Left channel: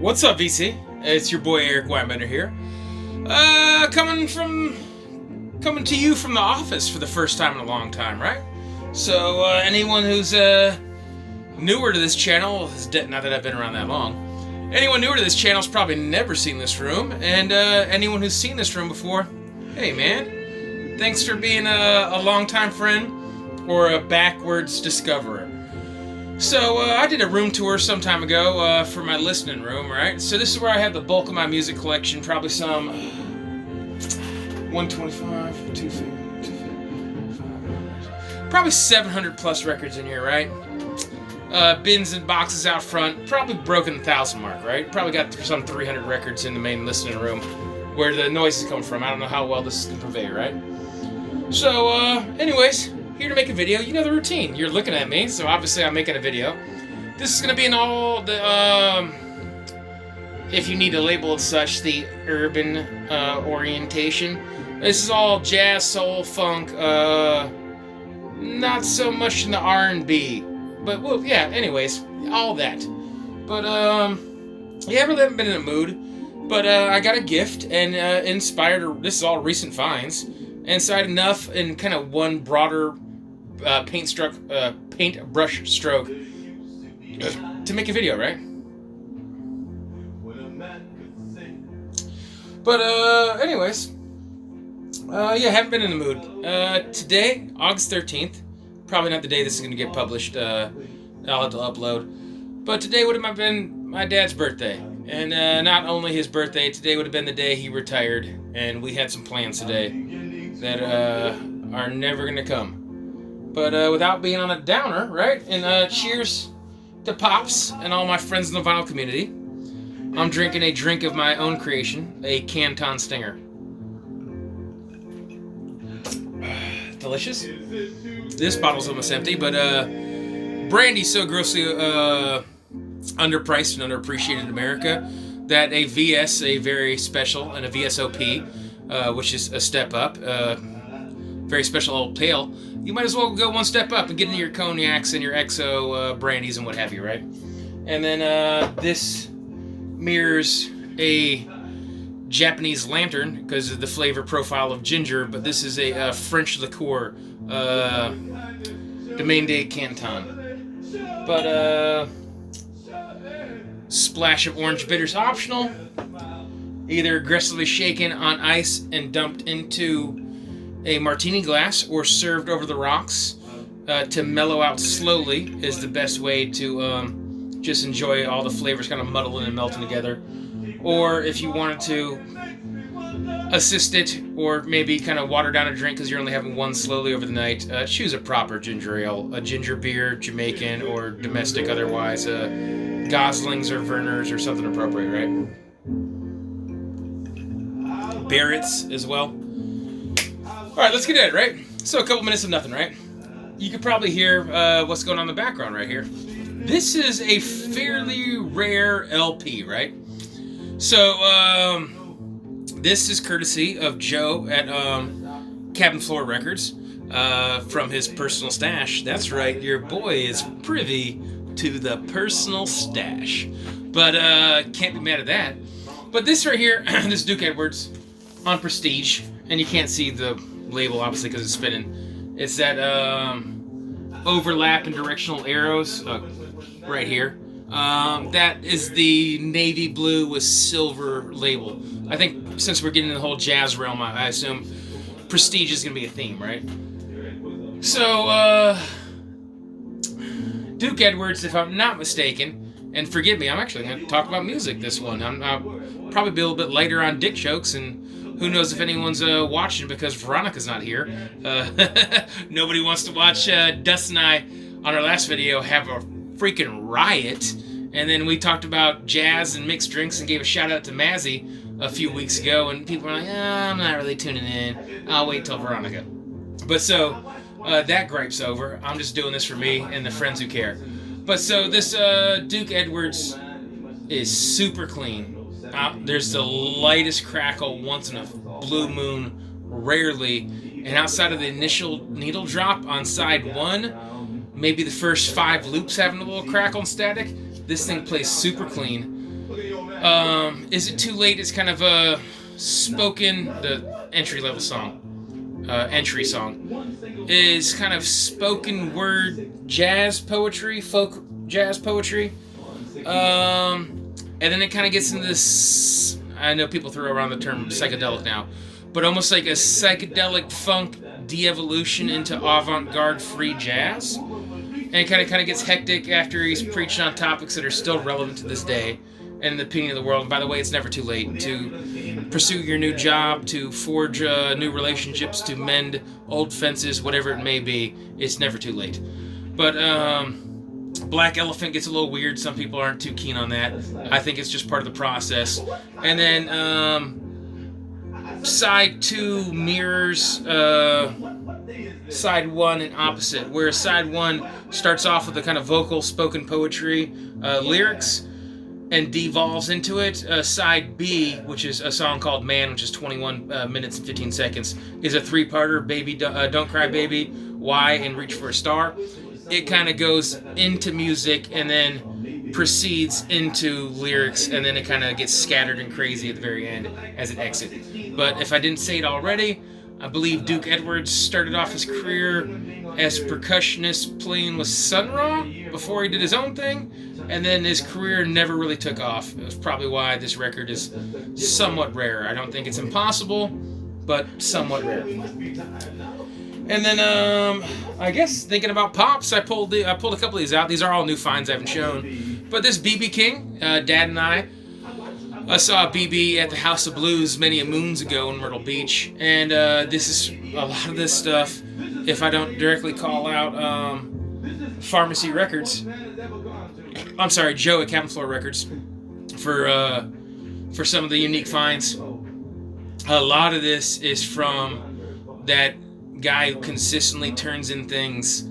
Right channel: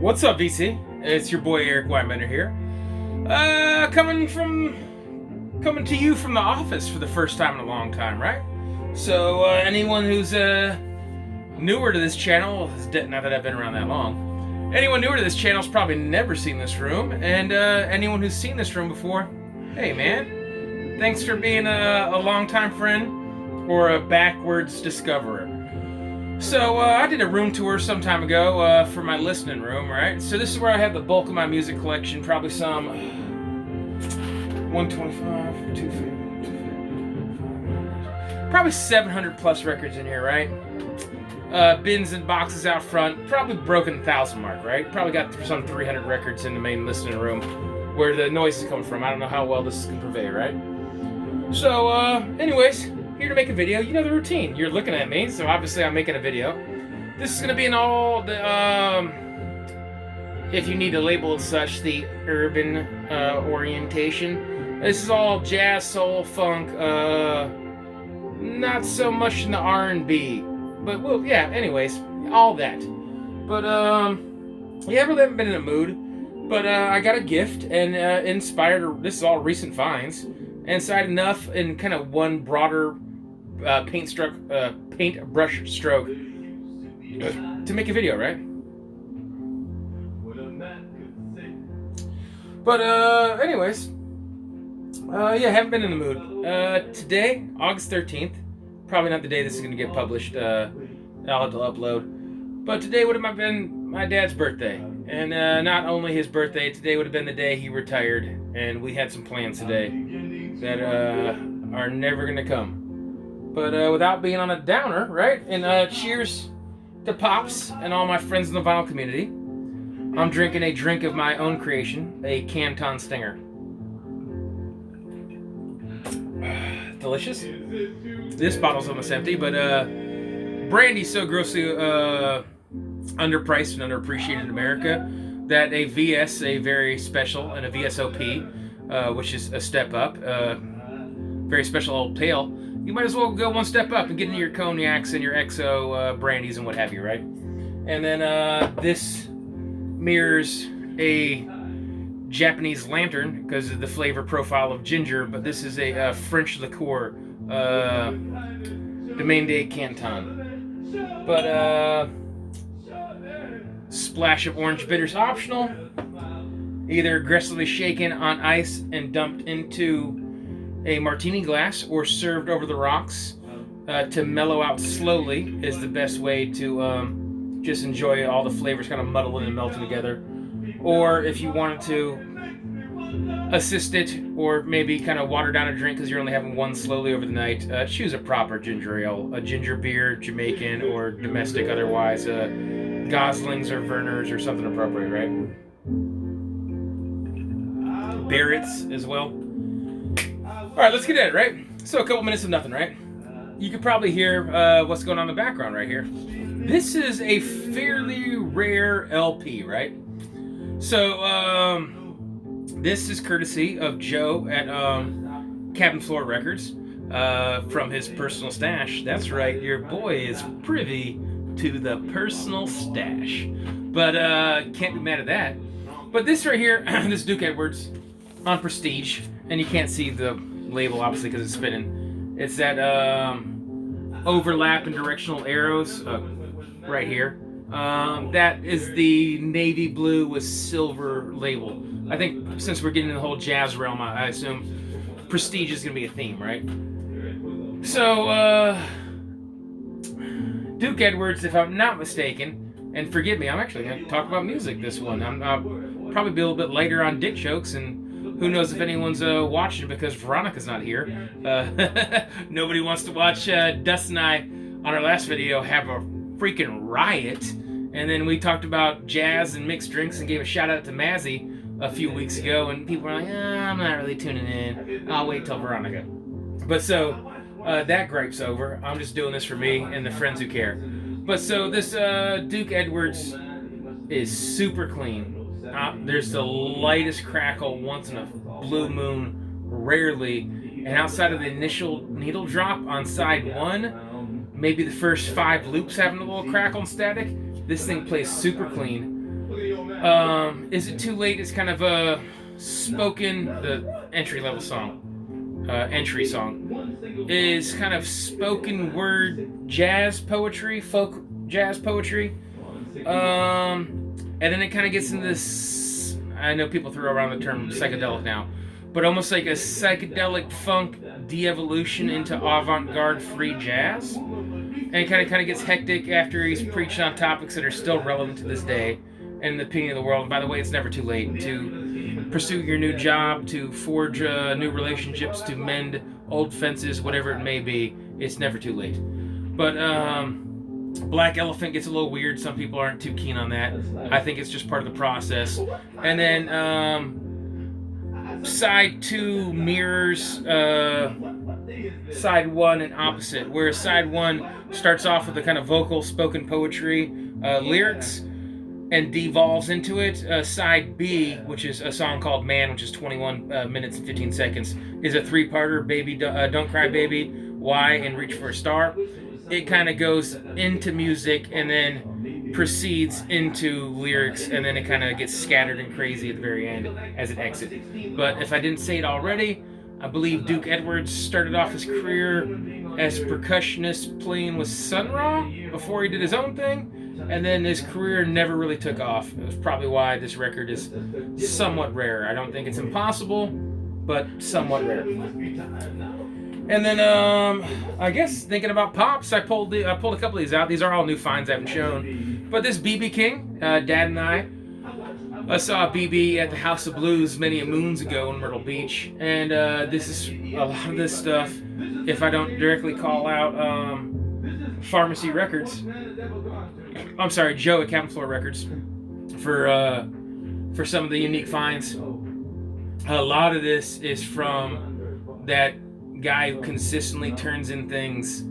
What's up, VC? It's your boy Eric Weinbender here. Coming to you from the office for the first time in a long time, right? So anyone who's newer to this channel, not that I've been around that long, anyone newer to this channel's probably never seen this room, and anyone who's seen this room before, hey man, thanks for being a longtime friend or a backwards discoverer. So I did a room tour some time ago for my listening room, right? So this is where I have the bulk of my music collection, probably some 125, 250, probably 700 plus records in here, right? Bins and boxes out front, probably broken 1,000 mark, right? Probably got some 300 records in the main listening room where the noise is coming from. I don't know how well this can convey, right? So, anyways, here to make a video. You know the routine. You're looking at me, so obviously I'm making a video. This is going to be in all the, if you need to label it such, the urban orientation. This is all jazz, soul, funk, not so much in the R&B. But, well, yeah, anyways, all that. But, yeah, I really haven't been in a mood. But, I got a gift and inspired, this is all recent finds, inside enough in kind of one broader paintbrush stroke to make a video, right? But, anyways, yeah, haven't been in the mood. Today, August 13th, probably not the day this is going to get published, I'll have to upload, but today would have been my dad's birthday, and not only his birthday, today would have been the day he retired, and we had some plans today that are never going to come. But without being on a downer, right, and cheers to Pops and all my friends in the vinyl community, I'm drinking a drink of my own creation, a Canton Stinger. Delicious. This bottle's almost empty, but brandy's so grossly underpriced and underappreciated in America that a VS, a very special, and a VSOP, which is a step up, very special old pale, you might as well go one step up and get into your cognacs and your XO brandies and what have you, right? And then this mirrors a Japanese lantern because of the flavor profile of ginger, but this is a French liqueur, Domaine de Canton. But splash of orange bitters optional, either aggressively shaken on ice and dumped into a martini glass or served over the rocks to mellow out slowly is the best way to just enjoy all the flavors kind of muddling and melting together. Or if you wanted to assist it, or maybe kind of water down a drink because you're only having one slowly over the night, choose a proper ginger ale, a ginger beer, Jamaican or domestic otherwise, Goslings or Vernors or something appropriate, right? Barrett's as well. Alright, let's get at it, right? So a couple minutes of nothing, right? You could probably hear what's going on in the background right here. This is a fairly rare LP, right? So, this is courtesy of Joe at Cabin Floor Records from his personal stash. That's right, your boy is privy to the personal stash. But can't be mad at that. But this right here, this Duke Edwards on Prestige, and you can't see the label obviously because it's spinning. It's that overlap and directional arrows right here. That is the navy blue with silver label. I think since we're getting in the whole jazz realm, I assume Prestige is going to be a theme, right? So, Duke Edwards, if I'm not mistaken, and forgive me, I'm actually going to talk about music this one. I'll probably be a little bit later on dick jokes, and who knows if anyone's watching because Veronica's not here. Nobody wants to watch Dustin and I on our last video have a freaking riot. And then we talked about jazz and mixed drinks and gave a shout out to Mazzy a few weeks ago, and people were like, I'm not really tuning in. I'll wait till Veronica. But so, that gripe's over. I'm just doing this for me and the friends who care. But so this Duke Edwards is super clean. There's the lightest crackle once in a blue moon, rarely. And outside of the initial needle drop on side one, maybe the first 5 loops having a little crackle and static, this thing plays super clean. Is It Too Late is kind of a the entry-level song, entry song, is kind of spoken word jazz poetry, folk jazz poetry. And then it kind of gets into this, I know people throw around the term psychedelic now, but almost like a psychedelic funk de-evolution into avant-garde free jazz. And it kind of gets hectic after he's preached on topics that are still relevant to this day and in the opinion of the world. And by the way, it's never too late to pursue your new job, to forge new relationships, to mend old fences, whatever it may be. It's never too late. But Black Elephant gets a little weird. Some people aren't too keen on that. I think it's just part of the process. And then side 2 mirrors side 1 and opposite, where side 1 starts off with the kind of vocal spoken poetry lyrics and devolves into it. Side B, which is a song called Man, which is 21 minutes and 15 seconds, is a 3-parter, Baby, Don't Cry Baby, Why, and Reach for a Star. It kind of goes into music and then proceeds into lyrics, and then it kind of gets scattered and crazy at the very end as it exits. But if I didn't say it already, I believe Duke Edwards started off his career as a percussionist playing with Sun Ra before he did his own thing, and then his career never really took off. It was probably why this record is somewhat rare. I don't think it's impossible, but somewhat rare. And then, I guess thinking about pops, I pulled a couple of these out. These are all new finds I haven't shown. But this B.B. King, Dad and I saw B.B. at the House of Blues many moons ago in Myrtle Beach. And this is a lot of this stuff. If I don't directly call out Pharmacy Records, I'm sorry, Joe at Cabin Floor Records for some of the unique finds. A lot of this is from that guy who consistently turns in things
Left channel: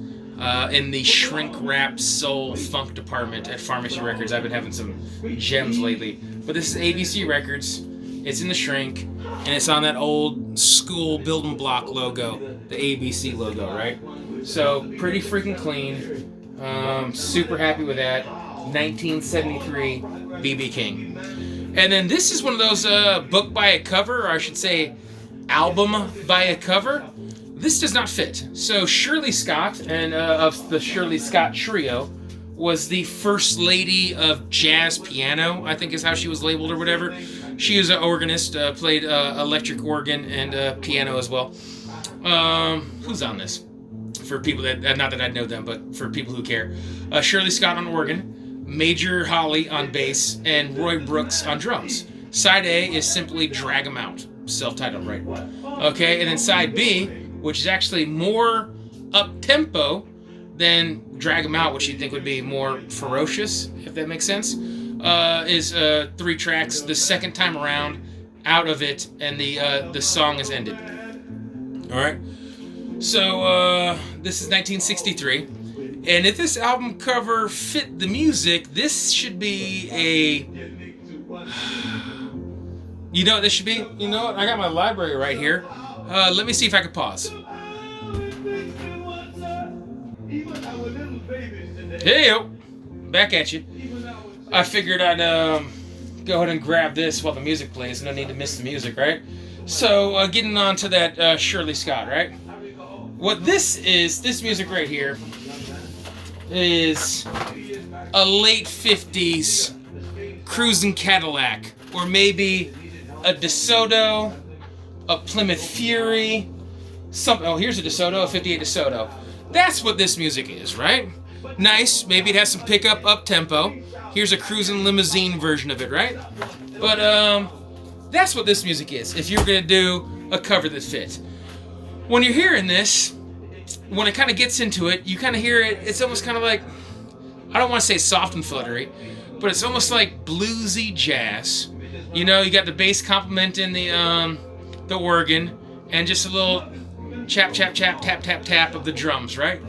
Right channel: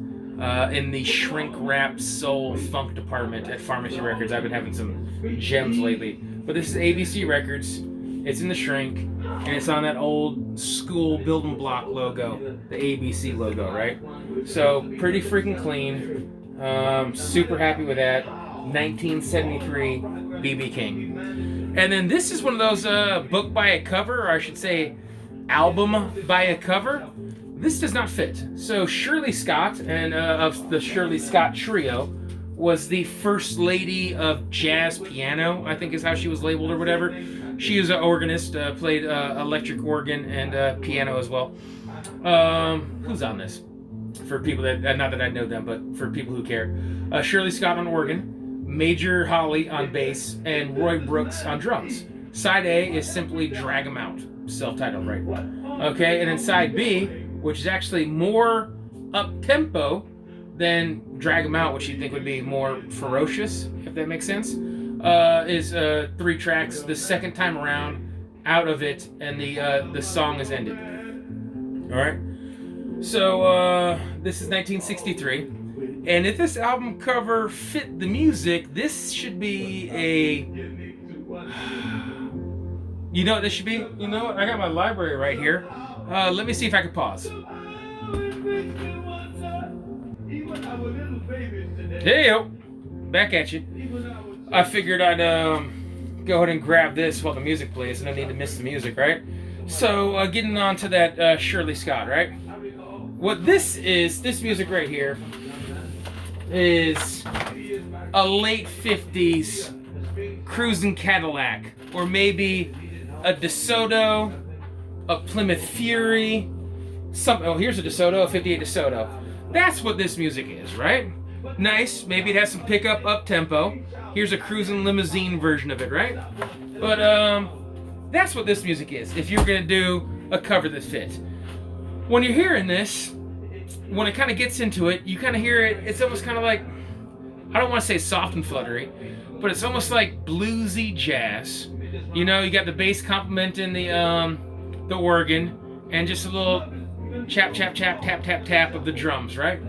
in the shrink-wrapped soul funk department at Pharmacy Records. I've been having some gems lately. But this is ABC Records. It's in the shrink, and it's on that old school building block logo, the ABC logo, right? So pretty freaking clean. Super happy with that. 1973 B.B. King. And then this is one of those book by a cover, or I should say album by a cover. This does not fit. So Shirley Scott, and of the Shirley Scott Trio, was the first lady of jazz piano, I think is how she was labeled or whatever. She is an organist, played electric organ and piano as well. Who's on this? For people that, not that I know them, but for people who care. Shirley Scott on organ, Major Holly on bass, and Roy Brooks on drums. Side A is simply Drag 'Em Out, self-titled, right? Okay, and then side B, which is actually more up-tempo than Drag 'Em Out, which you'd think would be more ferocious, if that makes sense, is 3 tracks. The second time around, out of it, and the song is ended. All right. So this is 1963, and if this album cover fit the music, this should be a. You know what this should be? You know what? I got my library right here. Let me see if I can pause. Hey yo, back at you. I figured I'd go ahead and grab this while the music plays. No need to miss the music, right? So getting on to that Shirley Scott, right? What this music right here, is a late 50s cruising Cadillac, or maybe a DeSoto, a Plymouth Fury, here's a DeSoto, a 58 DeSoto. That's what this music is, right? Nice, maybe it has some pickup up-tempo. Here's a cruising limousine version of it, right? But that's what this music is, if you're gonna do a cover that fits. When you're hearing this, when it kind of gets into it, you kind of hear it, it's almost kind of like, I don't want to say soft and fluttery, but it's almost like bluesy jazz. You know, you got the bass complementing the organ, and just a little chap, chap, chap, tap, tap, tap of the drums, right?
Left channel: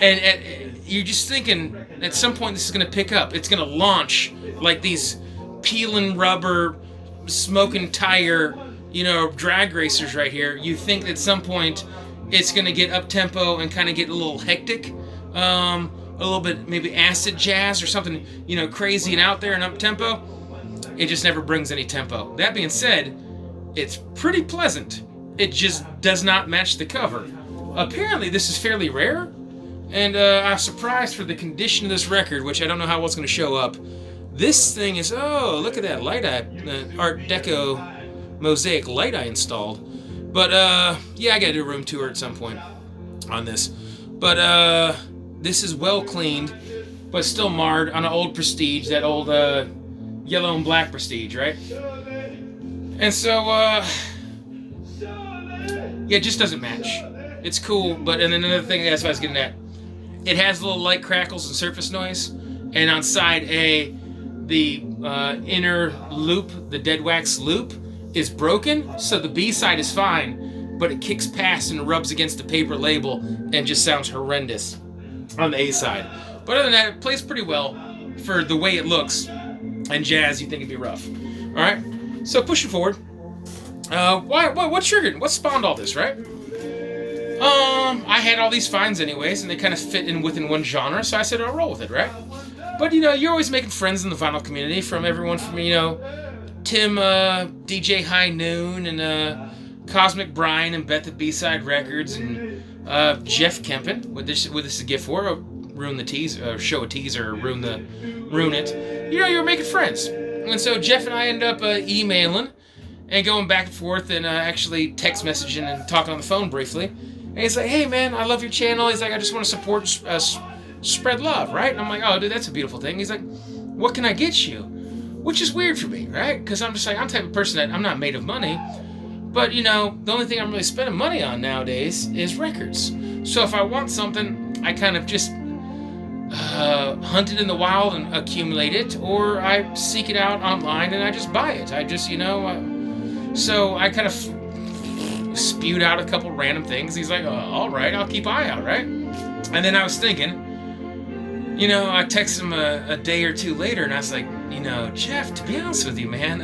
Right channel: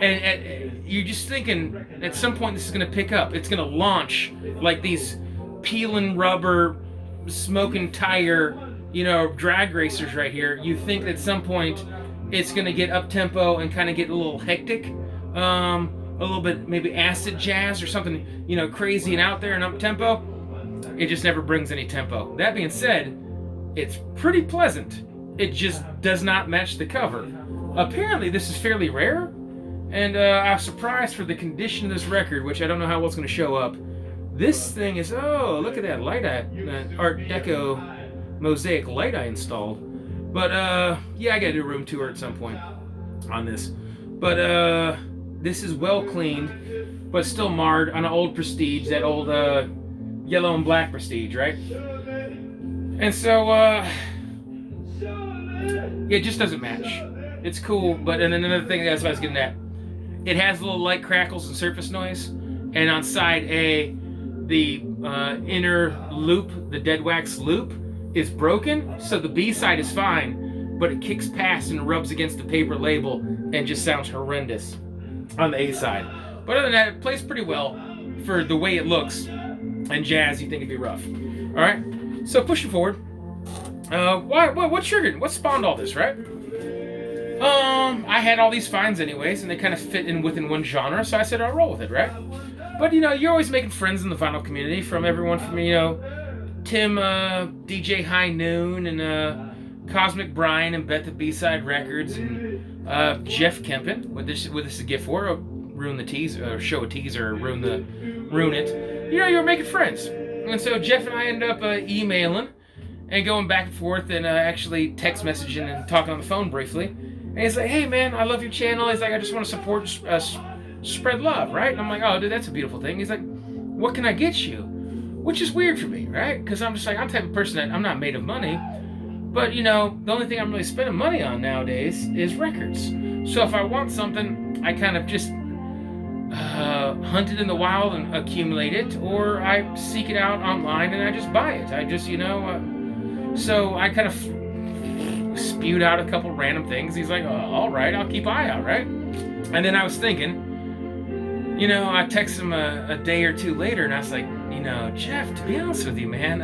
And you're just thinking, at some point this is going to pick up. It's going to launch like these peeling rubber, smoking tire, drag racers right here. You think at some point it's going to get up-tempo and kind of get a little hectic, a little bit maybe acid jazz or something, crazy and out there and up-tempo. It just never brings any tempo. That being said, it's pretty pleasant. It just does not match the cover. Apparently, this is fairly rare, and I'm surprised for the condition of this record, which I don't know how well it's going to show up. This thing is, oh, look at that light Art Deco mosaic light I installed. But, yeah, I got to do a room tour at some point on this. But, this is well cleaned, but still marred on an old Prestige, that old, yellow and black Prestige, right? And so, yeah, it just doesn't match. It's cool, but, and then another thing, that's what I was getting at. It has little light crackles and surface noise, and on side A, the inner loop, the dead wax loop, is broken, so the B side is fine, but it kicks past and rubs against the paper label and just sounds horrendous on the A side. But other than that, it plays pretty well for the way it looks, and jazz, you think it'd be rough. Alright, so pushing forward. What triggered? What spawned all this, right? I had all these finds anyways, and they kind of fit in within one genre, so I said I'll roll with it, right? But, you know, you're always making friends in the vinyl community, from everyone from, you know, Tim, DJ High Noon, and Cosmic Brian, and Bet the B-Side Records, and Jeff Kempen, what this is a gift for, ruin the teaser, show a teaser, or ruin it. You know, you were making friends. And so Jeff and I end up emailing, and going back and forth, and actually text messaging and talking on the phone briefly. And he's like, hey man, I love your channel. He's like, I just want to support, spread love, right? And I'm like, oh dude, that's a beautiful thing. He's like, what can I get you? Which is weird for me, right? Because I'm just like, I'm the type of person that I'm not made of money. But you know, the only thing I'm really spending money on nowadays is records. So if I want something, I kind of just hunt it in the wild and accumulate it, or I seek it out online and I just buy it. I just, you know, so I kind of spewed out a couple random things. He's like, oh, all right, I'll keep an eye out, right? And then I was thinking, you know, I texted him a day or two later, and I was like, you know, Jeff, to be honest with you, man,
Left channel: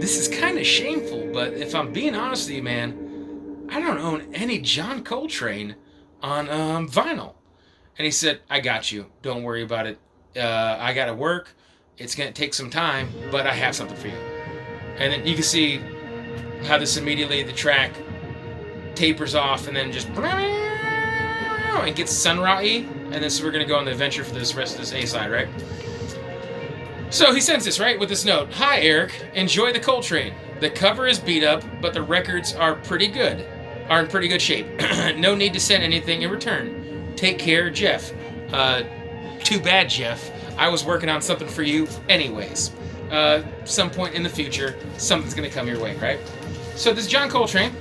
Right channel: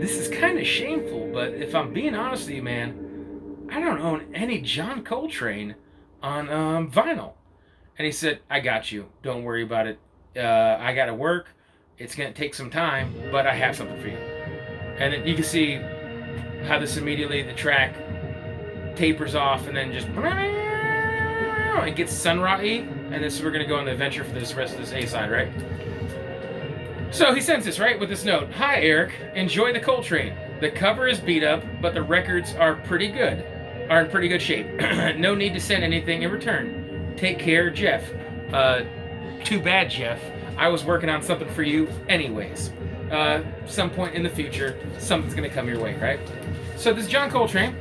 this is kind of shameful, but if I'm being honest with you, man, I don't own any John Coltrane on vinyl. And he said, I got you. Don't worry about it. I got to work. It's going to take some time, but I have something for you. And then you can see how this immediately, the track tapers off and then just and gets sunrise-y. And then so we're going to go on the adventure for this rest of this A-side, right? So he sends this, right, with this note. Hi, Eric. Enjoy the Coltrane. The cover is beat up, but the records are in pretty good shape. No need to send anything in return. Take care, Jeff. Too bad, Jeff. I was working on something for you anyways. Some point in the future, something's gonna come your way, right? So this John Coltrane,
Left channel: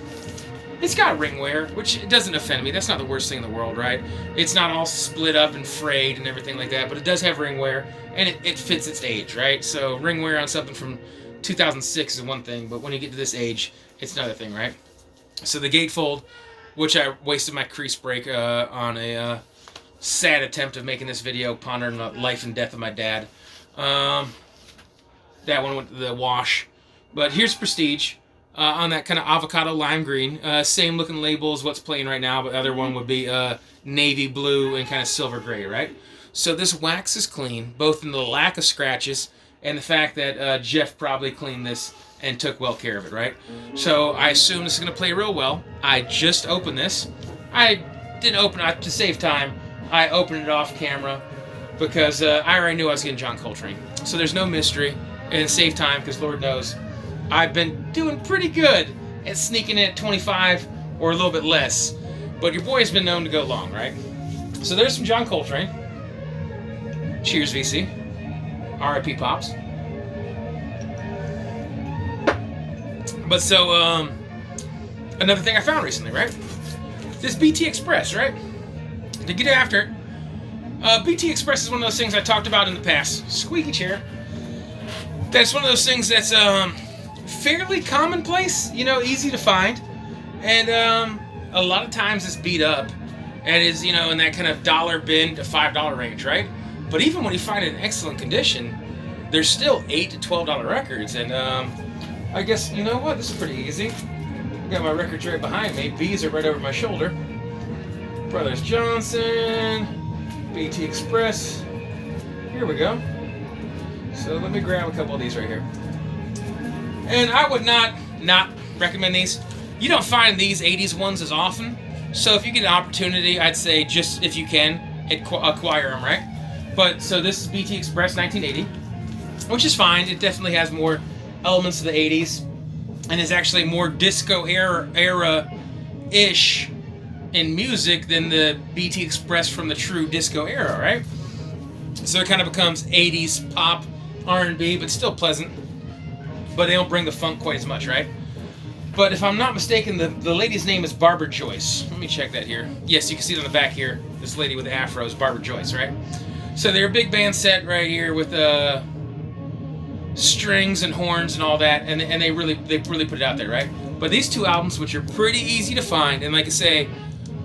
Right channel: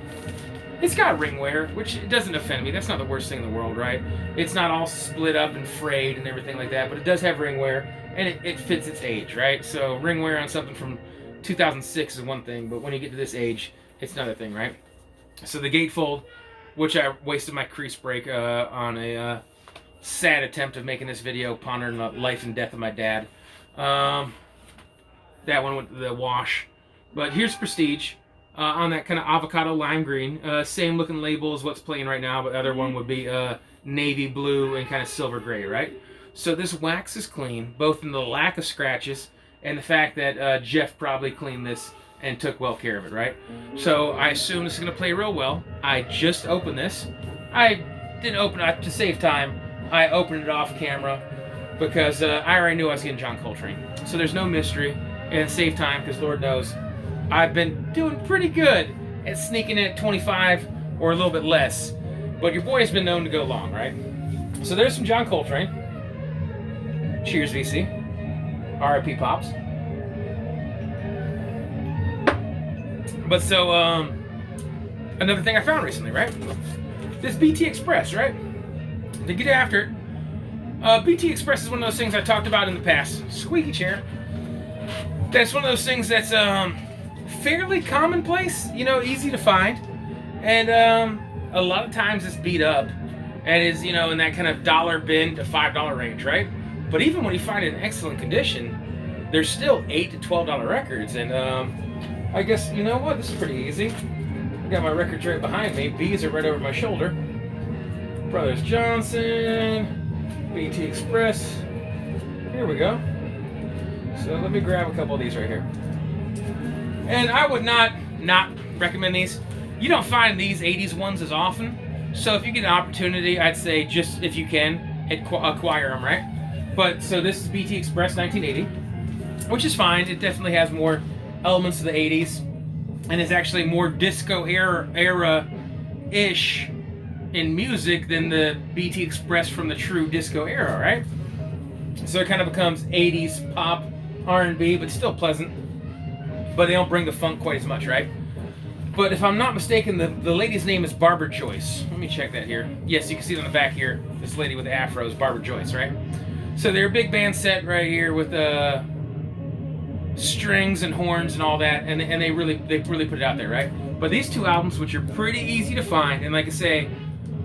it's got ring wear, which doesn't offend me. That's not the worst thing in the world, right? It's not all split up and frayed and everything like that, but it does have ring wear, and it fits its age, right? So ring wear on something from 2006 is one thing, but when you get to this age, it's another thing, right? So the gatefold, which I wasted my crease break on a sad attempt of making this video, pondering the life and death of my dad. That one went to the wash. But here's Prestige on that kind of avocado lime green. Same looking label as what's playing right now, but the other one would be navy blue and kind of silver gray, right? So this wax is clean, both in the lack of scratches and the fact that Jeff probably cleaned this and took well care of it, right? So I assume this is going to play real well. I just opened this. I didn't open it to save time. I opened it off camera because I already knew I was getting John Coltrane. So there's no mystery. And save time, because Lord knows, I've been doing pretty good at sneaking in at 25 or a little bit less. But your boy has been known to go long, right? So there's some John Coltrane. Cheers, VC. R.I.P. Pops. But so, another thing I found recently, right? This BT Express, right? To get after it, BT Express is one of those things I talked about in the past. Squeaky chair. That's one of those things that's fairly commonplace, you know, easy to find, and a lot of times it's beat up and is, you know, in that kind of $1 bin to $5 range, right? But even when you find it in excellent condition, there's still $8 to $12 records, and I guess, you know what, this is pretty easy. I got my records right behind me. B's are right over my shoulder. Brothers Johnson, BT Express. Here we go. So let me grab a couple of these right here. And I would not recommend these. You don't find these 80s ones as often. So if you get an opportunity, I'd say just if you can, acquire them, right? But so this is BT Express 1980, which is fine. It definitely has more elements of the 80s and is actually more disco era-ish in music than the BT Express from the true disco era, right? So it kind of becomes 80s pop, R&B, but still pleasant. But they don't bring the funk quite as much, right? But if I'm not mistaken, the lady's name is Barbara Joyce. Let me check that here. Yes, you can see it on the back here. This lady with the afro is Barbara Joyce, right? So they're a big band set right here with strings and horns and all that, and they really put it out there, right? But these two albums, which are pretty easy to find, and like I say,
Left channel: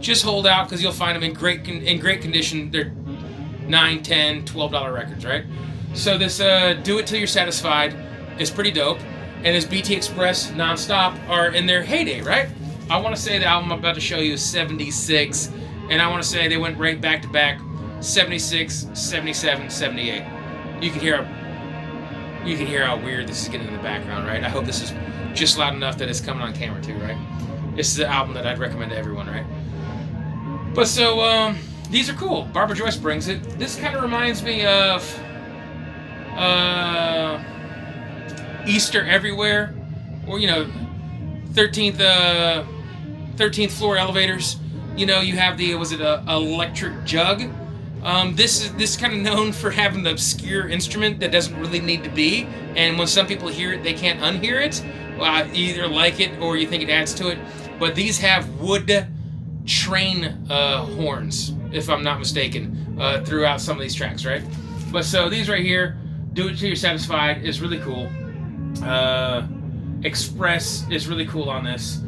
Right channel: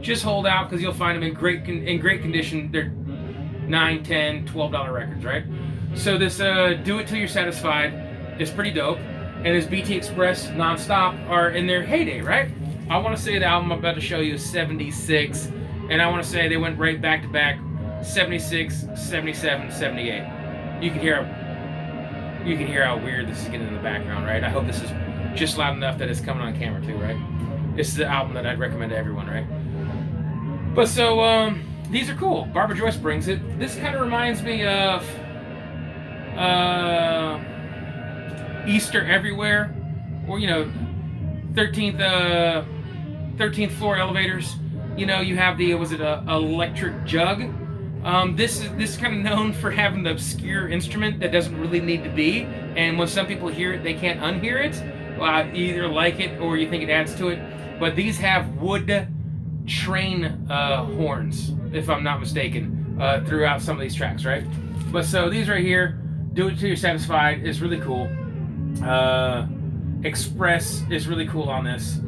just hold out because you'll find them in great condition. They're $9, $10, $12 records, right? So this Do It Till You're Satisfied is pretty dope, and this BT Express Nonstop are in their heyday, right? I want to say the album I'm about to show you is 76, and I want to say they went right back to back 76, 77, 78. You can hear how weird this is getting in the background, right? I hope this is just loud enough that it's coming on camera too, right? This is the album that I'd recommend to everyone, right? But so, these are cool. Barbara Joyce brings it. This kind of reminds me of Easter Everywhere, or 13th floor elevators. You have the electric jug. This is kind of known for having the obscure instrument that doesn't really need to be, and when some people hear it, they can't unhear it. Well, you either like it or you think it adds to it. But these have wood train horns, if I'm not mistaken, throughout some of these tracks, right? But so these right here, Do It Till You're Satisfied is really cool. Express is really cool on this.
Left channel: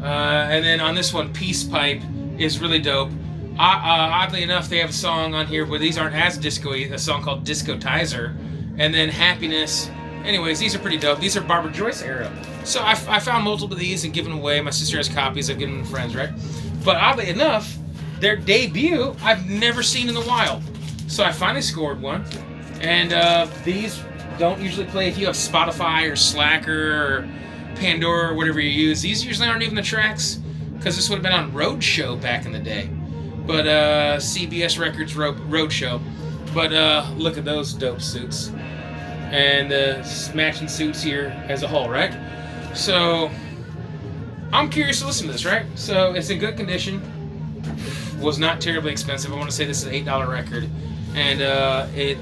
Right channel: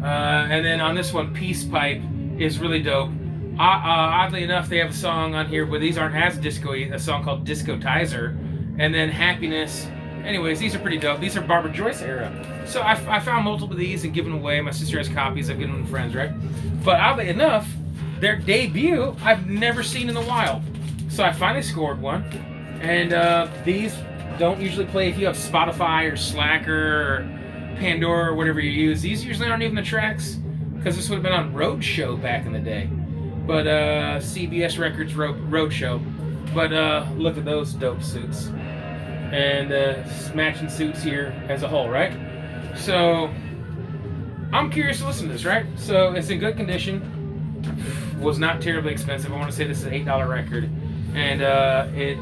And then on this one, Peace Pipe is really dope. Oddly enough, they have a song on here where these aren't as disco-y, a song called Discotizer. And then Happiness. Anyways, these are pretty dope. These are Barbara Joyce era. So I found multiple of these and given away. My sister has copies. I've given them to friends, right? But oddly enough, their debut I've never seen in the wild. So I finally scored one. And these don't usually play if you have Spotify or Slacker or Pandora or whatever you use. These usually aren't even the tracks, because this would have been on Roadshow back in the day. But CBS Records Roadshow. But look at those dope suits. And matching suits here as a whole, right? So I'm curious to listen to this, right? So it's in good condition. Was not terribly expensive. I want to say this is an $8 record. And it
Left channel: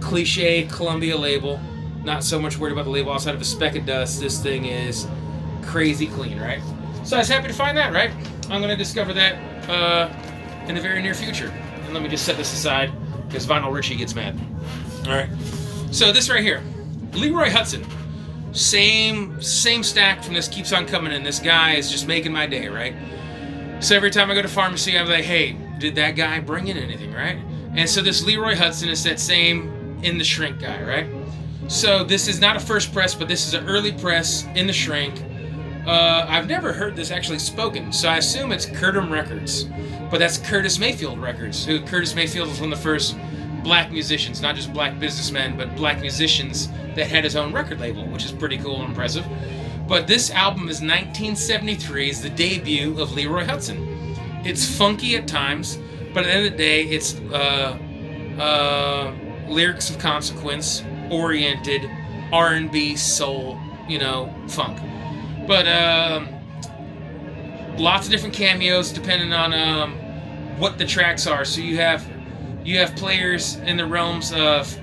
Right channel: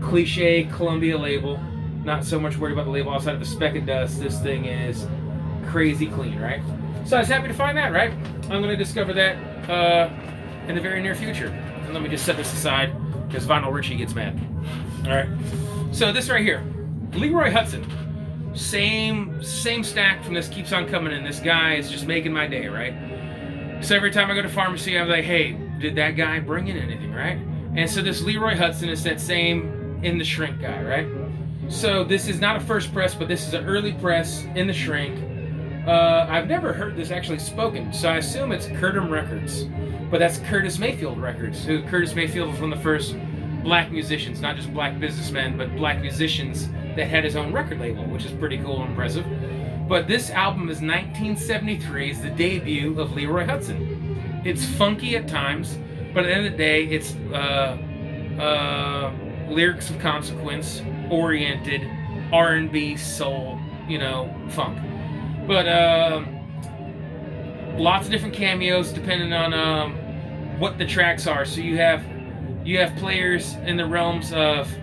cliche Columbia label. Not so much worried about the label outside of a speck of dust. This thing is crazy clean, right? So I was happy to find that, right? I'm going to discover that in the very near future. And let me just set this aside because Vinyl Richie gets mad. All right. So this right here, Leroy Hudson. Same stack from this keeps on coming in. This guy is just making my day, right? So every time I go to pharmacy, I'm like, hey, did that guy bring in anything, right? And so this Leroy Hudson is that same In the Shrink guy, right? So this is not a first press, but this is an early press In the Shrink. I've never heard this actually spoken, so I assume it's Curtum Records. But that's Curtis Mayfield Records. Curtis Mayfield was one of the first black musicians, not just black businessmen, but black musicians that had his own record label, which is pretty cool and impressive. But this album is 1973, is the debut of Leroy Hudson. It's funky at times, but at the end of the day, it's lyrics of consequence, oriented, R&B, soul, funk. But lots of different cameos depending on what the tracks are. So you have players in the realms of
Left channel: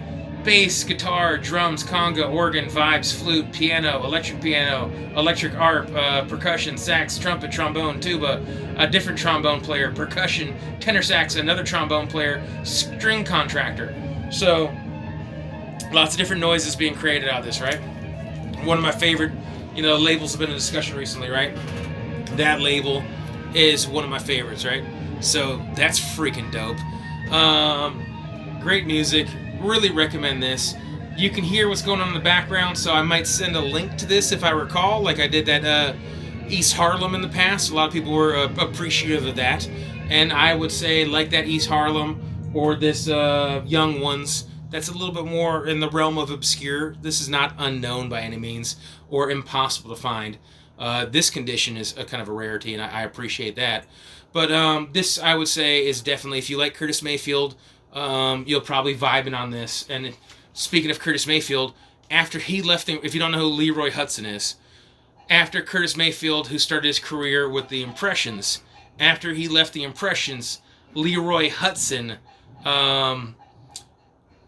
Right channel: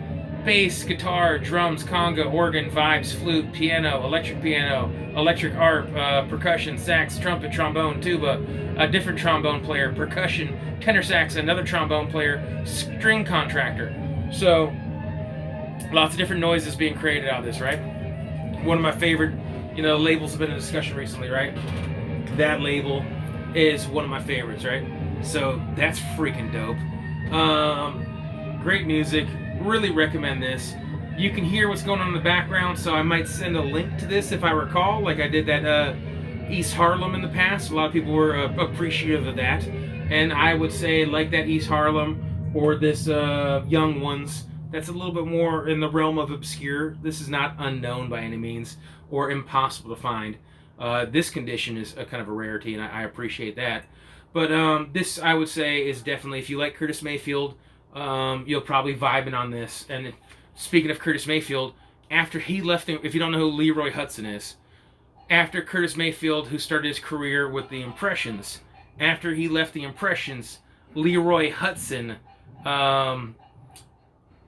bass, guitar, drums, conga, organ, vibes, flute, piano, electric harp, percussion, sax, trumpet, trombone, tuba, a different trombone player, percussion, tenor sax, another trombone player, string contractor. So lots of different noises being created out of this, right? One of my favorite, labels have been in discussion recently, right? That label is one of my favorites, right? So that's freaking dope. Great music. Really recommend this. You can hear what's going on in the background, so I might send a link to this if I recall, like I did that East Harlem in the past. A lot of people were appreciative of that. And I would say, like that East Harlem or this Young Ones, that's a little bit more in the realm of obscure. This is not unknown by any means or impossible to find. This condition is a kind of a rarity, and I appreciate that. But this, I would say, is definitely, if you like Curtis Mayfield, you'll probably vibe in on this. And speaking of Curtis Mayfield, after he left, if you don't know who Leroy Hudson is, after Curtis Mayfield, who started his career with the Impressions, after he left the Impressions, Leroy Hudson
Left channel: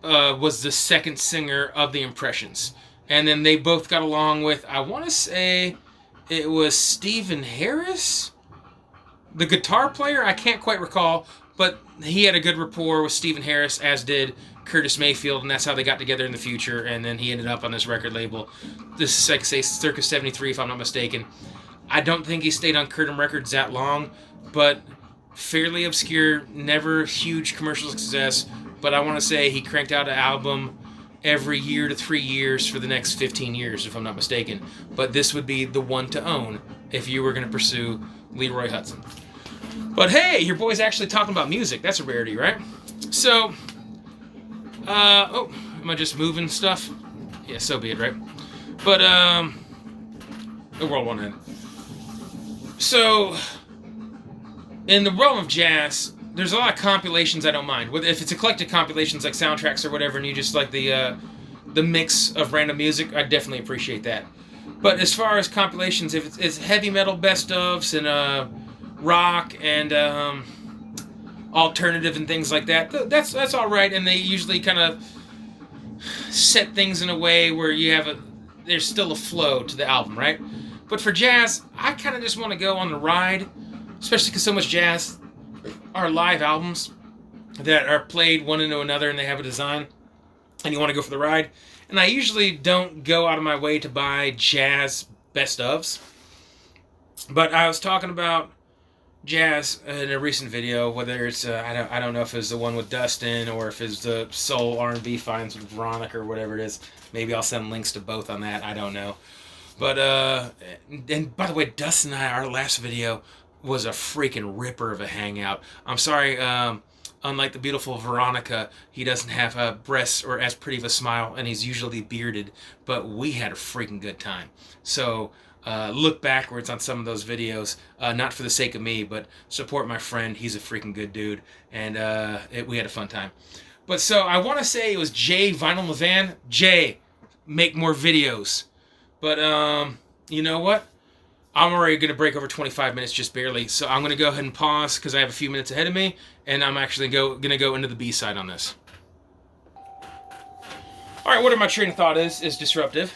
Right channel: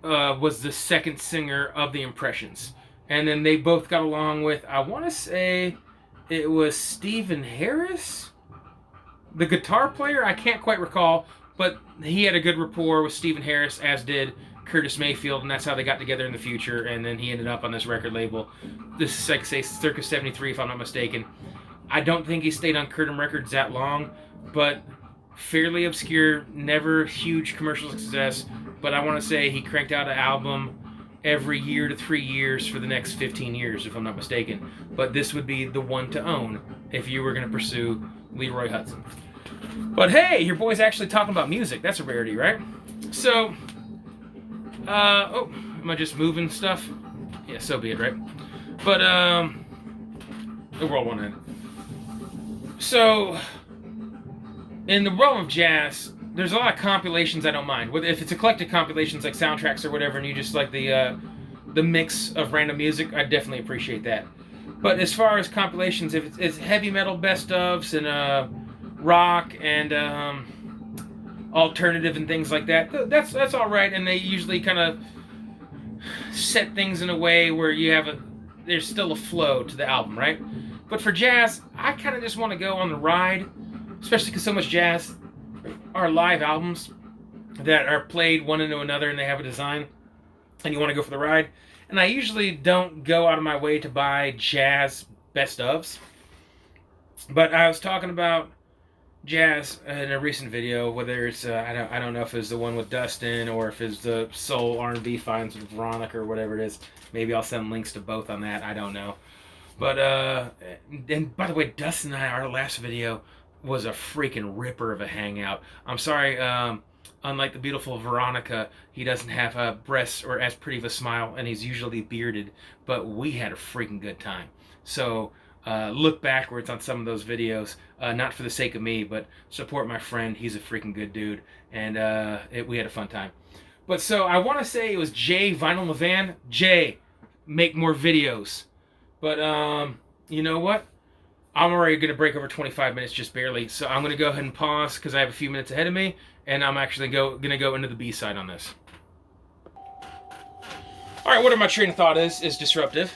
was the second singer of the Impressions. And then they both got along with, I want to say, it was Stephen Harris, the guitar player. I can't quite recall, but he had a good rapport with Stephen Harris, as did Curtis Mayfield, and that's how they got together in the future. And then he ended up on this record label. This is, like, say, circa 73, if I'm not mistaken. I don't think he stayed on Curtin Records that long, but fairly obscure, never huge commercial success. But I want to say he cranked out an album every year to 3 years for the next 15 years, if I'm not mistaken. But this would be the one to own if you were going to pursue Leroy Hudson. But hey, your boy's actually talking about music. That's a rarity, right? So, am I just moving stuff? Yeah, so be it, right? But, the world won't end. So, in the realm of jazz, there's a lot of compilations I don't mind. If it's eclectic compilations like soundtracks or whatever, and you just like the mix of random music, I definitely appreciate that. But as far as compilations, if it's heavy metal best ofs and rock and alternative and things like that, that's all right. And they usually kind of set things in a way where there's still a flow to the album, right? But for jazz, I kind of just want to go on the ride, especially because so much jazz are live albums that are played one into another and they have a design and you want to go for the ride. And I usually don't go out of my way to buy jazz best ofs. But I was talking about jazz in a recent video, whether it's I don't know if it was the one with Dustin or if it's the soul R&B finds with Veronica or whatever it is. Maybe I'll send links to both on that. I don't know. But and by the way, Dustin and I, our last video was a freaking ripper of a hangout. I'm sorry, unlike the beautiful Veronica, he doesn't have breasts or as pretty of a smile, and he's usually bearded, but we had a freaking good time. So look backwards on some of those videos, not for the sake of me, but support my friend. He's a freaking good dude, and we had a fun time. But so I want to say it was Jay Vinyl Levan. Jay, make more videos. But you know what? I'm already going to break over 25 minutes just barely, so I'm going to go ahead and pause because I have a few minutes ahead of me, and I'm actually going to go into the B-side on this. All right, whatever my train of thought is disrupted.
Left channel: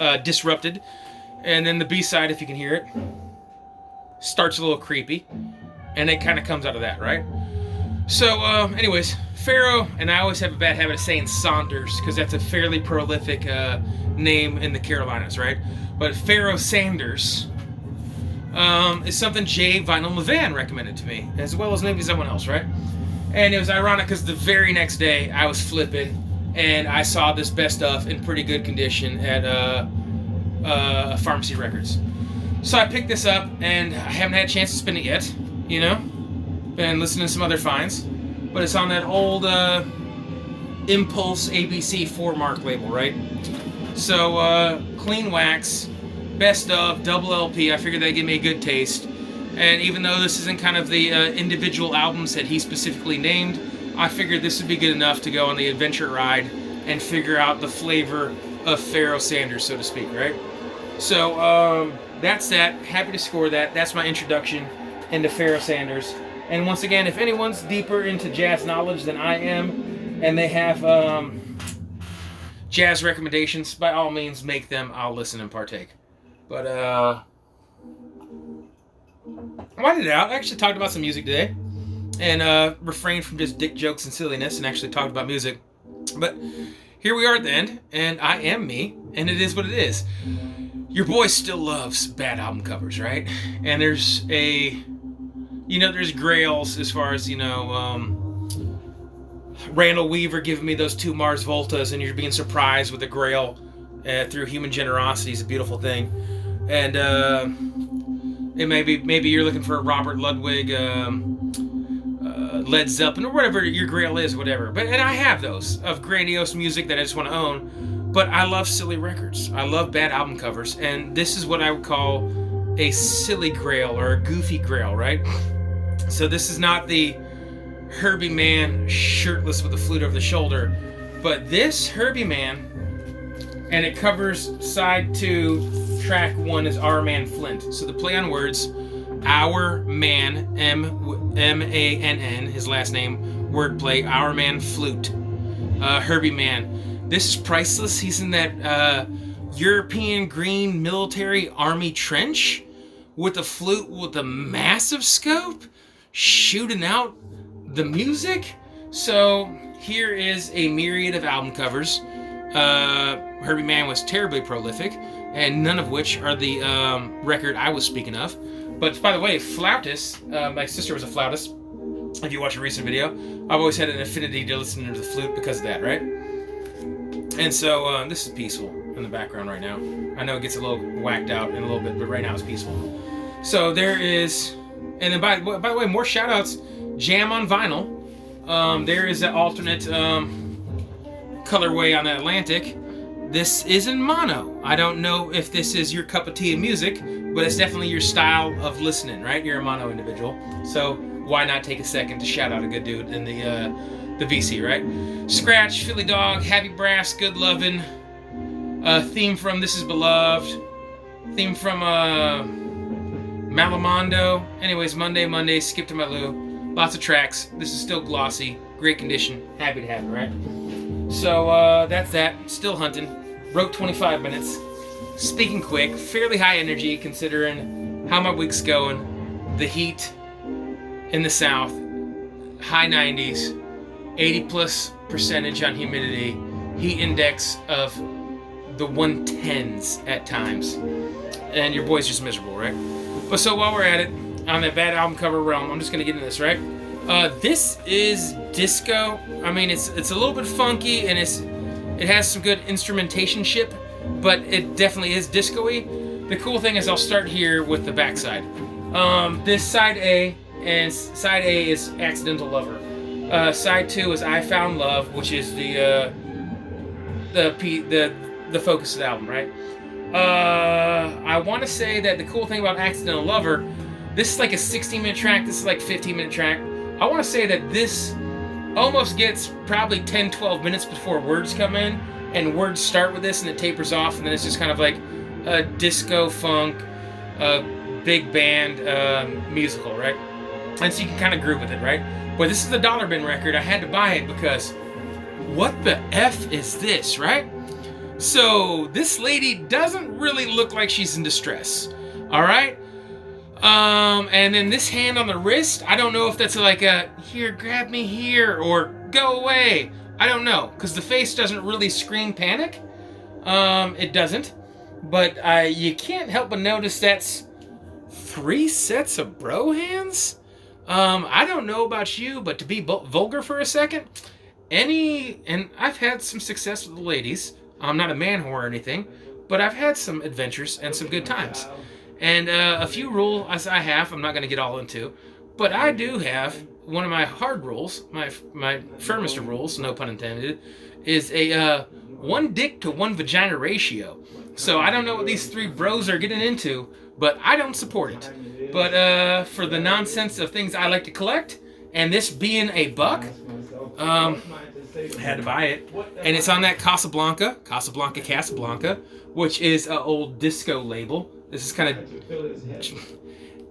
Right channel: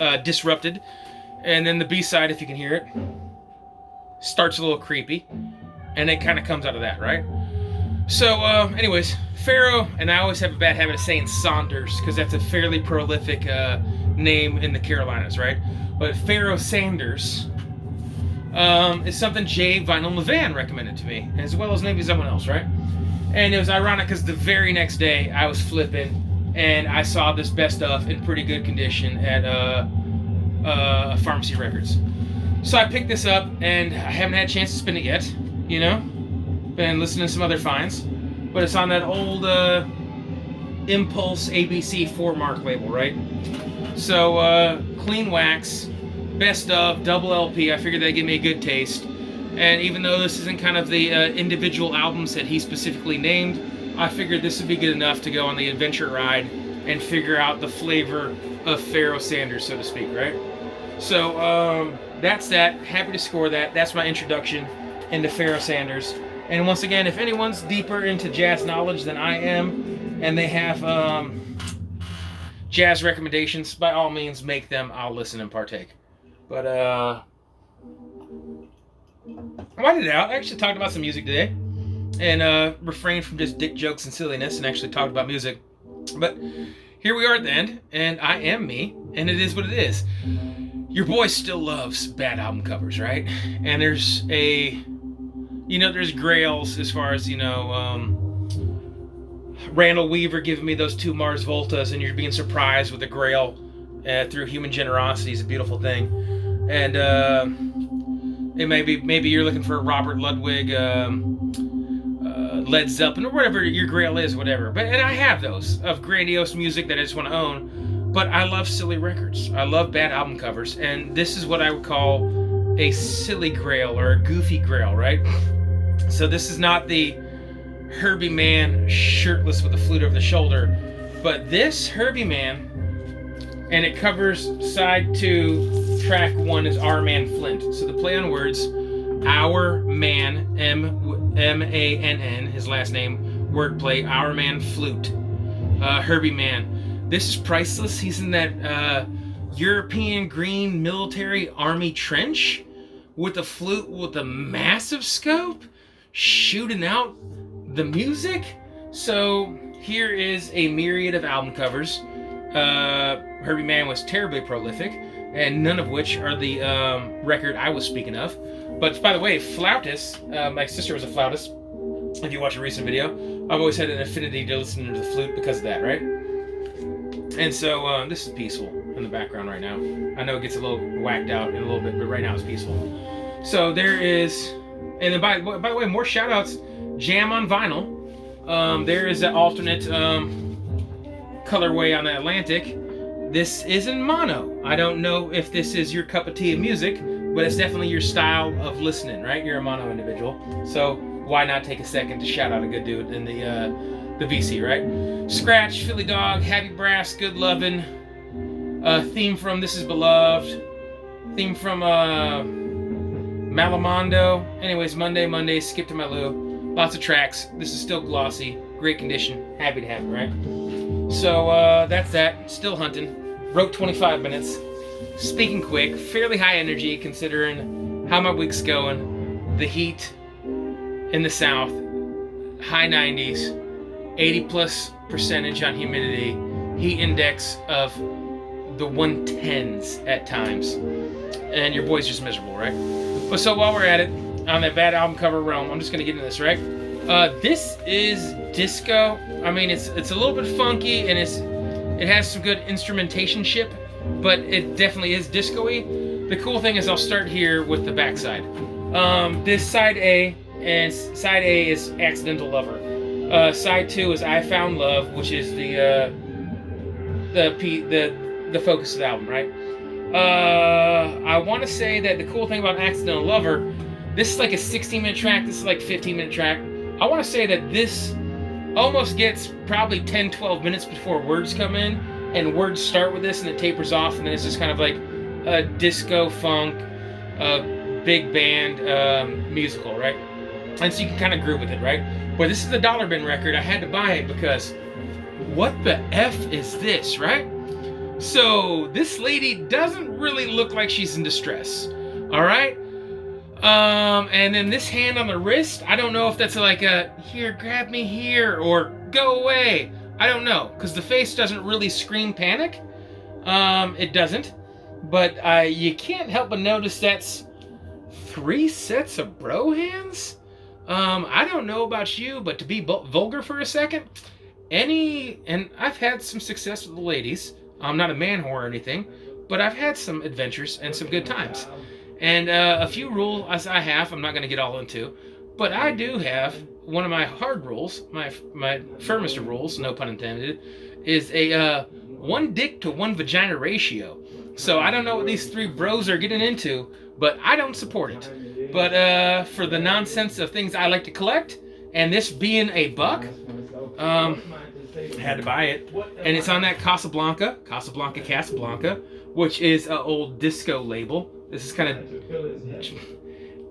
And then the B-side, if you can hear it, starts a little creepy, and it kind of comes out of that, right? So, anyways, Pharoah, and I always have a bad habit of saying Saunders, because that's a fairly prolific name in the Carolinas, right? But Pharoah Sanders is something Jay Vinyl Levan recommended to me, as well as maybe someone else, right? And it was ironic because the very next day I was flipping, and I saw this best of in pretty good condition at Pharmacy Records. So I picked this up, and I haven't had a chance to spin it yet, you know? Been listening to some other finds, but it's on that old Impulse ABC 4-mark label, right? So clean wax, best of, double LP. I figured that'd give me a good taste. And even though this isn't kind of the individual albums that he specifically named, I figured this would be good enough to go on the adventure ride and figure out the flavor of Pharoah Sanders, so to speak, right? So that's that. Happy to score that. That's my introduction into Pharoah Sanders. And once again, if anyone's deeper into jazz knowledge than I am, and they have jazz recommendations, by all means, make them. I'll listen and partake. But I wanted it out. I actually talked about some music today, and refrained from just dick jokes and silliness, and actually talked about music. But here we are at the end, and I am me, and it is what it is. Your boy still loves bad album covers, right? And there's there's grails as far as, Randall Weaver giving me those 2 Mars Voltas, and you're being surprised with the grail through human generosity is a beautiful thing. And Led Zeppelin, or whatever your grail is, whatever. And I have those of grandiose music that I just want to own. But I love silly records. I love bad album covers. And this is what I would call a silly grail or a goofy grail, right? So this is not the Herbie Man shirtless with a flute over the shoulder. But this Herbie Man, and it covers side 2, track 1 is Our Man Flint. So the play on words, Our Man, M-A-N-N, his last name, wordplay, Our Man Flute. Herbie Man. This is priceless. He's in that European green military army trench with a flute with a massive scope shooting out the music. So here is a myriad of album covers. Herbie Man was terribly prolific, and none of which are the record I was speaking of. But by the way, flautist, my sister was a flautist. If you watch a recent video, I've always had an affinity to listen to the flute because of that, right? And so this is peaceful in the background right now. I know it gets a little whacked out in a little bit, but right now it's peaceful. So there is, and then by the way, more shoutouts. Jam on vinyl. There is an alternate colorway on the Atlantic. This is in mono. I don't know if this is your cup of tea of music, but it's definitely your style of listening, right? You're a mono individual, so why not take a second to shout out a good dude in the VC, right? Scratch, Philly Dog, Happy Brass, Good Lovin', theme from This Is Beloved, theme from Malamondo. Anyways, Monday, Skip to My Lou. Lots of tracks. This is still glossy, great condition. Happy to have it, right? So that's that. Still hunting. Wrote 25 minutes. Speaking quick, fairly high energy considering how my week's going. The heat in the south, high 90s, 80+% on humidity, heat index of the 110s at times. And your boy's just miserable, right? But so while we're at it, on that bad album cover realm, I'm just gonna get into this, right? This is disco. I mean, it's a little bit funky, and it has some good instrumentation ship, but it definitely is disco-y. The cool thing is I'll start here with the backside. This side A, and side A is Accidental Lover. Side 2 is I Found Love, which is the focus of the album, right? I want to say that the cool thing about Accidental Lover, this is like a 16-minute track, this is like a 15-minute track. I want to say that this almost gets probably 10-12 minutes before words come in, and words start with this and it tapers off, and then it's just kind of like a disco funk, big band musical, right? And so you can kind of groove with it, right? But this is a dollar bin record. I had to buy it because what the F is this, right? So this lady doesn't really look like she's in distress, all right? And then this hand on the wrist, I don't know if that's like a, here, grab me here, or go away. I don't know, because the face doesn't really scream panic. It doesn't. But you can't help but notice that's 3 sets of bro hands? I don't know about you, but to be vulgar for a second, and I've had some success with the ladies. I'm not a man whore or anything, but I've had some adventures and some good times. And a few rules I have, I'm not going to get all into, but I do have one of my hard rules, my firmest of rules, no pun intended, is a 1 dick to 1 vagina ratio. So I don't know what these 3 bros are getting into, but I don't support it. But for the nonsense of things I like to collect, and this being a buck, I had to buy it. And it's on that Casablanca, which is an old disco label. This is kind of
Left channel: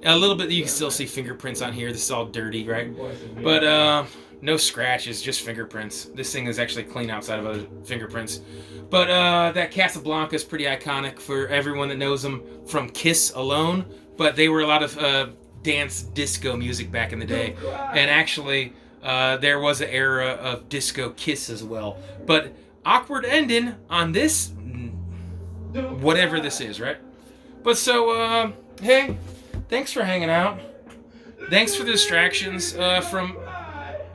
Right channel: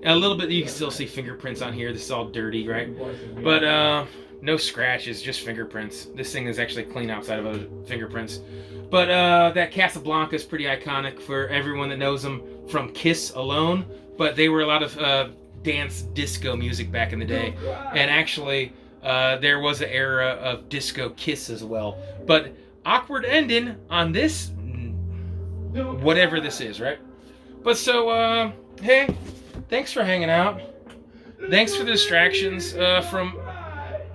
a little bit, you can still see fingerprints on here. This is all dirty, right? But no scratches, just fingerprints. This thing is actually clean outside of other fingerprints. But that Casablanca is pretty iconic for everyone that knows them from Kiss alone. But they were a lot of dance disco music back in the day. And actually, there was an era of disco Kiss as well. But awkward ending on this, whatever this is, right? But so, hey, thanks for hanging out. Thanks for the distractions from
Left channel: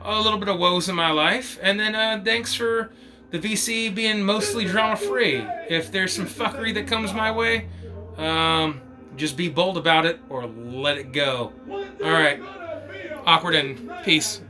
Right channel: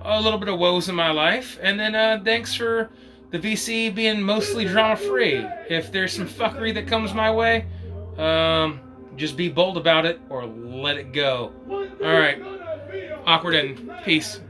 a little bit of woes in my life. And then thanks for the VC being mostly drama-free. If there's some fuckery that comes my way, just be bold about it or let it go. All right. Awkward and peace.